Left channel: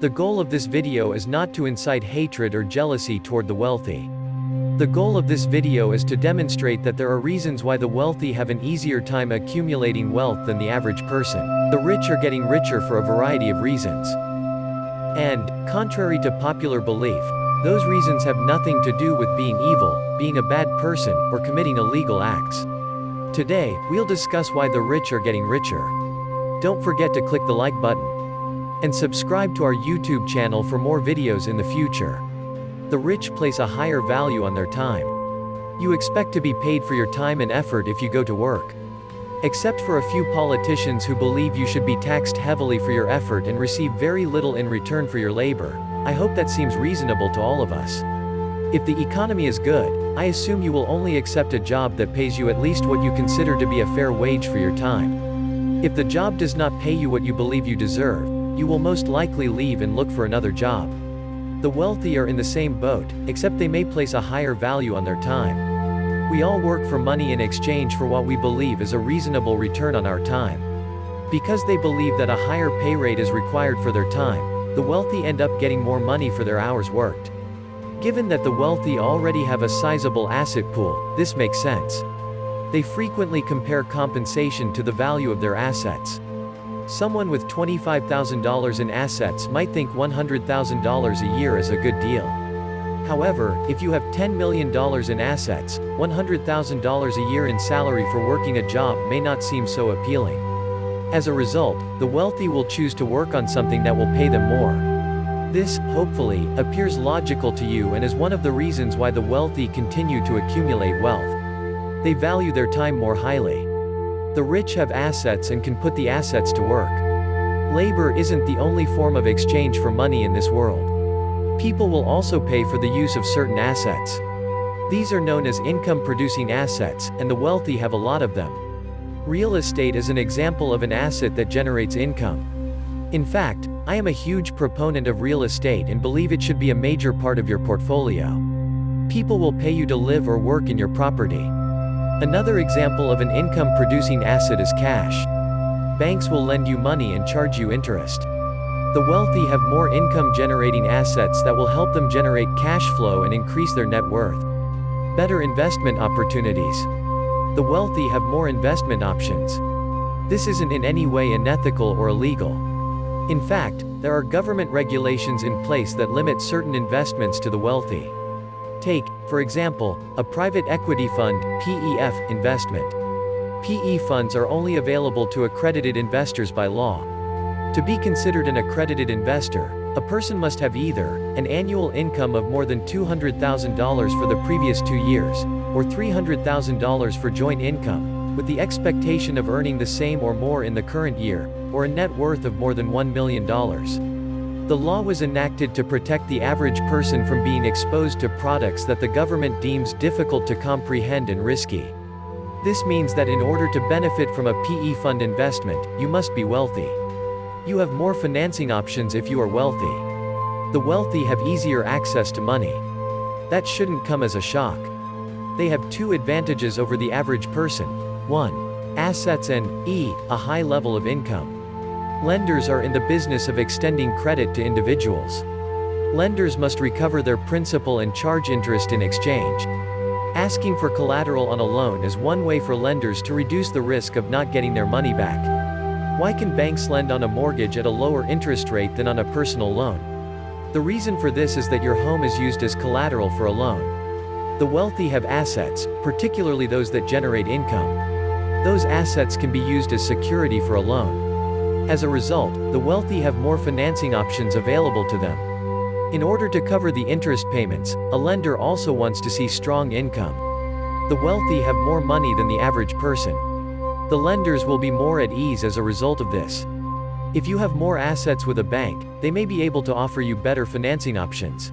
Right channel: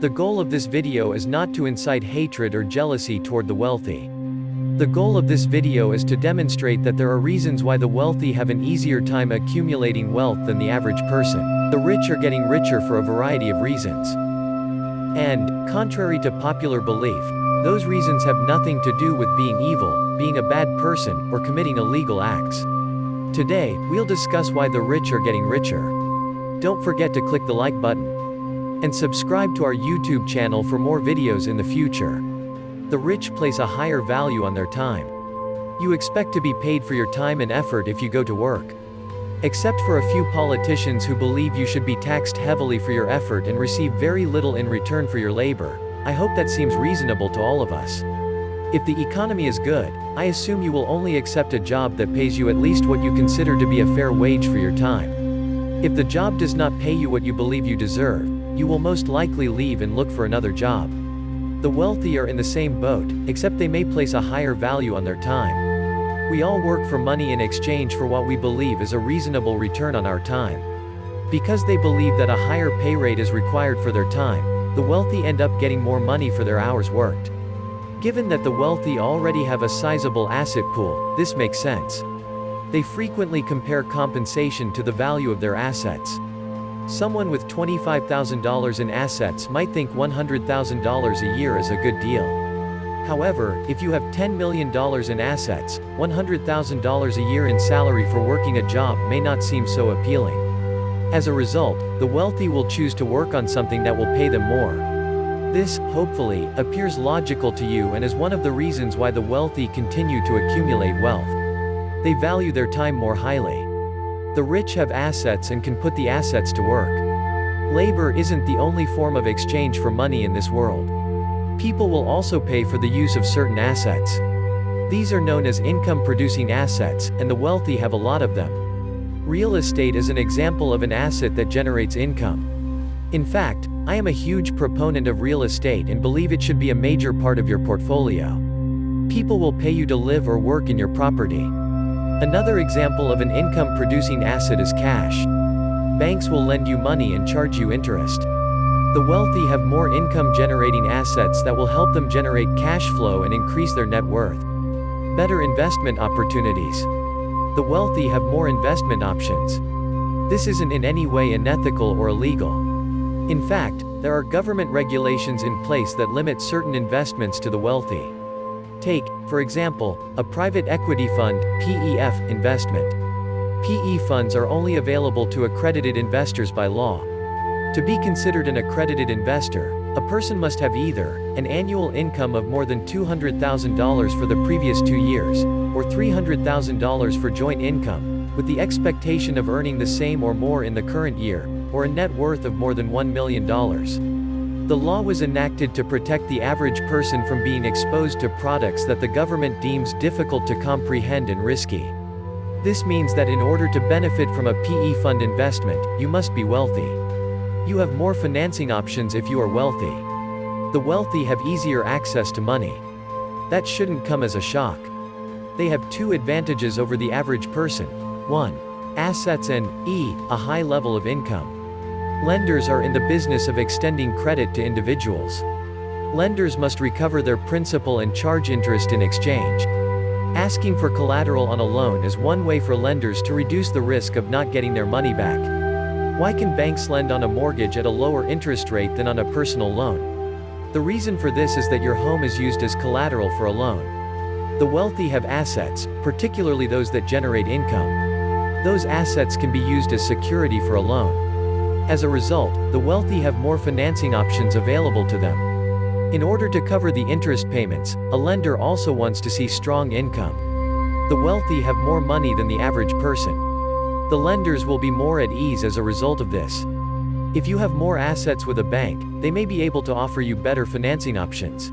The goal of this video is not to incite hatred or jealousy toward the wealthy. The goal of this video is to demonstrate that there are reasons why the wealthy have an easier time accumulating wealth than the average person. The rich are getting richer for a variety of reasons. And, contrary to popular belief, those reasons have nothing to do with being evil, being a bad person, or committing illegal acts. Today, we'll discuss why the rich are getting richer. Don't forget to click the like button and subscribe to our YouTube channel for more videos in the future. The rich place a higher value on their time. You expect to be paid for your time and effort if you go to work. Except for a few politicians who believe you should be taxed heavily for your effort and receive very little in return for your labor, I hope that seems reasonable to all of us. If the economy is good, I assume you will only accept a job that pays you at least what you consider to be a fair wage for your time. If the job does not pay you what you believe you deserve, you will most likely leave and look for another job. The wealthy are in the same boat, except they may place a higher value on their time. We all work for money in exchange for what we believe is a reasonable return on our time. Because they believe that a higher pay rate is required for their time, the wealthy end up getting more money for their hours worked. Given that the wealthy already have a sizable asset pool, this makes sense. They frequently compare compensation to the value of their assets. Someone with $25,000 in assets might think $100,000 a year is a good deal. However, if you have $10 million in assets, $100,000 a year in salary for working a job may not seem so appealing. As a result, the wealthy will choose to work on something that will pay them more. This, hopefully, appears logical to you and is one of the reasons why the wealthy continue to accumulate wealth. They value their time more highly. The rich have assets and can put the assets to work. Labor isn't the only form of exchange for money in this world. People will also pay for the use of certain assets. These are known as income-producing assets, and the wealthy have a lot of them. Real estate is an example of an asset that generates income. In fact, I am a huge proponent of real estate and believe it should be a major part of your portfolio. People will pay you to live or work in your property. Another example of an income-producing asset is cash. Banks will lend you money and charge you interest. The wealthy have more income-generating assets that will help them generate cash flow and increase their net worth. Better investment opportunities. The wealthy have more investment options. This isn't in any way unethical or illegal. In fact, there are government regulations in place that limit certain investments to the wealthy. Take, for example, a private equity fund (PEF) investment. PE funds are only available to accredited investors by law. To be considered an accredited investor, a person must have either an annual income of more than $200,000 for the previous 2 years, or $300,000 for joint income, with the expectation of earning the same or more in the current year, or a net worth of more than $1 million. The law was enacted to protect the average person from being exposed to products that the government deems difficult to comprehend and risky. This means that in order to benefit from a PE fund investment, you must be wealthy. You have more financing options if you are wealthy. The wealthy have easier access to money. That shouldn't come as a shock. They have two advantages over the average person. 1. Assets and, a high level of income. Lenders are in the business of extending credit to individuals. Lenders must recover their principal and charge interest in exchange. Asking for collateral on a loan is one way for lenders to reduce the risk of not getting their money back. Why can banks lend on a mortgage at a lower interest rate than on a personal loan? The reason for this is that your home is used as collateral for a loan. The wealthy have assets, particularly those that generate income. Those assets can be used as security for a loan. As a result, the wealthy have more financing options available to them. In order to cover the interest payments, a lender also wants to see strong income. The wealthy have more money than the average person. The lenders will be more at ease as a result of this. If you have more assets with a bank, they may be able to offer you better financing options.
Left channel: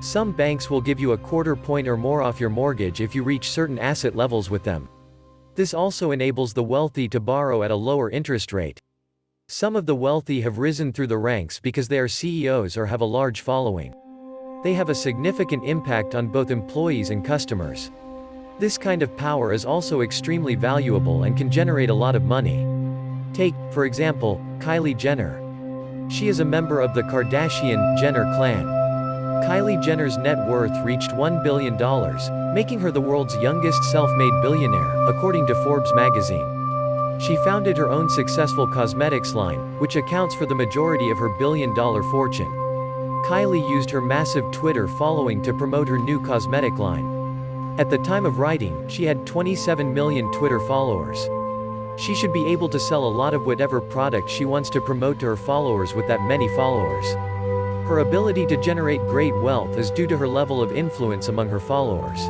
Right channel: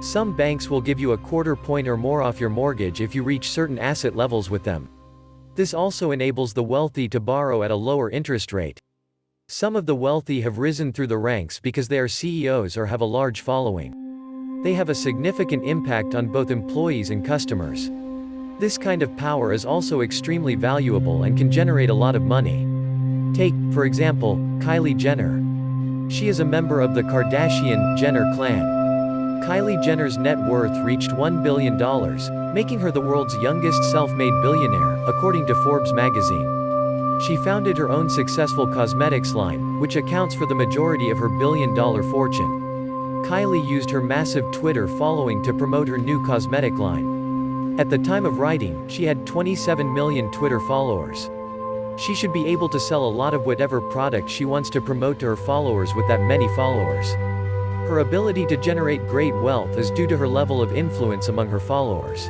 Some banks will give you a quarter point or more off your mortgage if you reach certain asset levels with them. This also enables the wealthy to borrow at a lower interest rate. Some of the wealthy have risen through the ranks because they are CEOs or have a large following. They have a significant impact on both employees and customers. This kind of power is also extremely valuable and can generate a lot of money. Take, for example, Kylie Jenner. She is a member of the Kardashian-Jenner clan. Kylie Jenner's net worth reached $1 billion, making her the world's youngest self-made billionaire, according to Forbes magazine. She founded her own successful cosmetics line, which accounts for the majority of her billion-dollar fortune. Kylie used her massive Twitter following to promote her new cosmetic line. At the time of writing, she had 27 million Twitter followers. She should be able to sell a lot of whatever product she wants to promote to her followers with that many followers. Her ability to generate great wealth is due to her level of influence among her followers.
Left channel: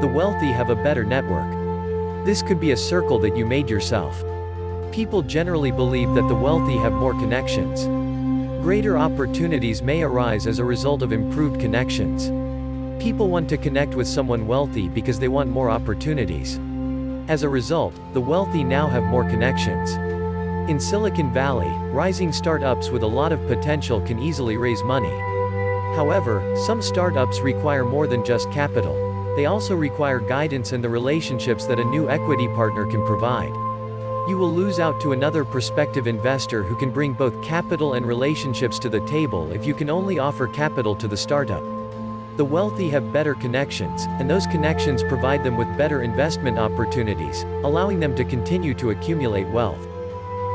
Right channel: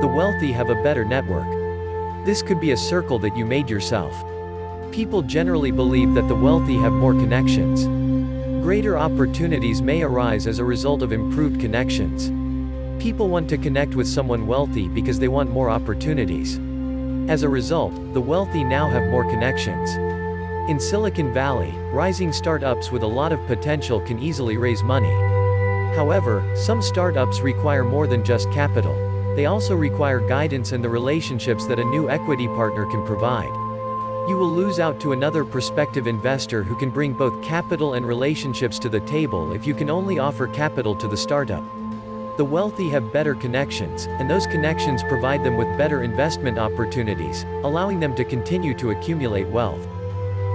The wealthy have a better network. This could be a circle that you made yourself. People generally believe that the wealthy have more connections. Greater opportunities may arise as a result of improved connections. People want to connect with someone wealthy because they want more opportunities. As a result, the wealthy now have more connections. In Silicon Valley, rising startups with a lot of potential can easily raise money. However, some startups require more than just capital. They also require guidance and the relationships that a new equity partner can provide. You will lose out to another prospective investor who can bring both capital and relationships to the table if you can only offer capital to the startup. The wealthy have better connections, and those connections provide them with better investment opportunities, allowing them to continue to accumulate wealth.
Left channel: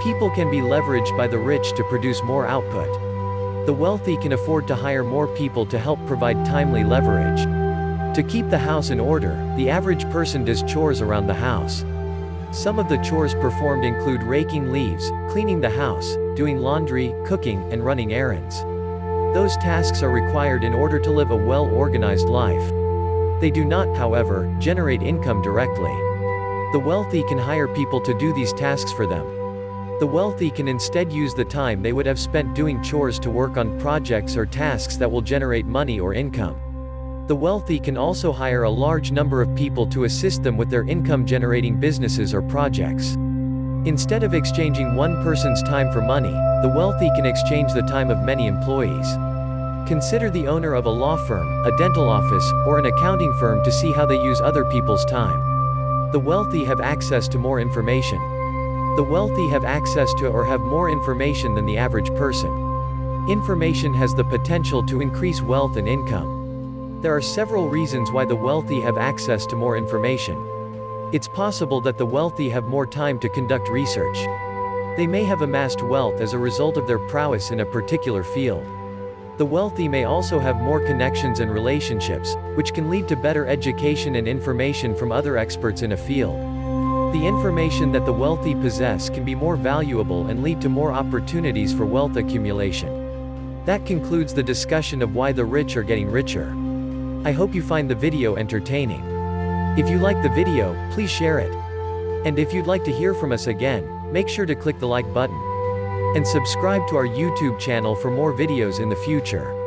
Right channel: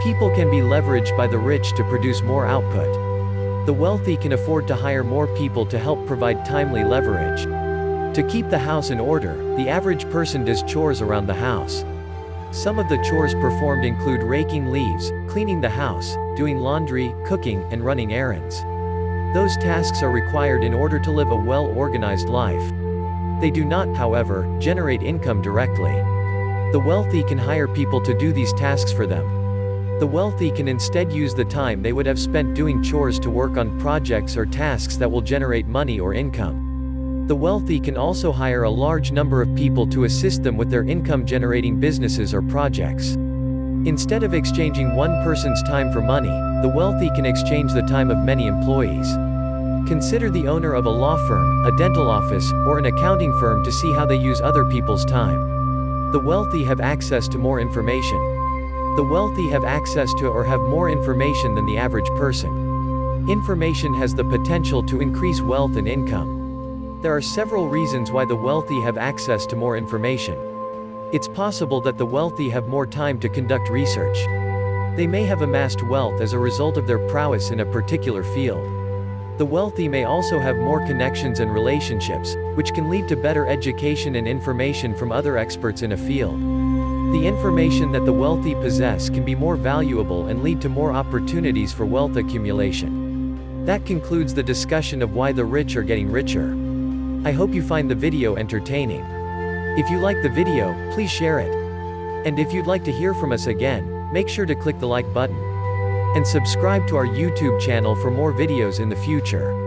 People can be leveraged by the rich to produce more output. The wealthy can afford to hire more people to help provide timely leverage. To keep the house in order, the average person does chores around the house. Some of the chores performed include raking leaves, cleaning the house, doing laundry, cooking, and running errands. Those tasks are required in order to live a well-organized life. They do not, however, generate income directly. The wealthy can hire people to do these tasks for them. The wealthy can instead use the time they would have spent doing chores to work on projects or tasks that will generate money or income. The wealthy can also hire a large number of people to assist them with their income-generating businesses or projects. Instead of exchanging one person's time for money, the wealthy can exchange the time of many employees. Consider the owner of a law firm, a dental office, or an accounting firm to see how they use other people's time. The wealthy have access to more information. The wealthy have access to or have more information than the average person. Information has the potential to increase wealth and income. There are several reasons why the wealthy have access to more information. It's possible that the wealthy have more time to conduct research. They may have amassed wealth as a result of their prowess in a particular field. The wealthy may also have more connections and relationships, which can lead to better education and information from other experts in a field. The information that the wealthy possess can be more valuable and lead to more opportunities for wealth accumulation. That concludes the discussion of why the rich are getting richer. I hope you find the video entertaining. If you like the video, please share it. And if you'd like to hear from us again, make sure to click the like button. And subscribe to our YouTube channel for more videos in the future.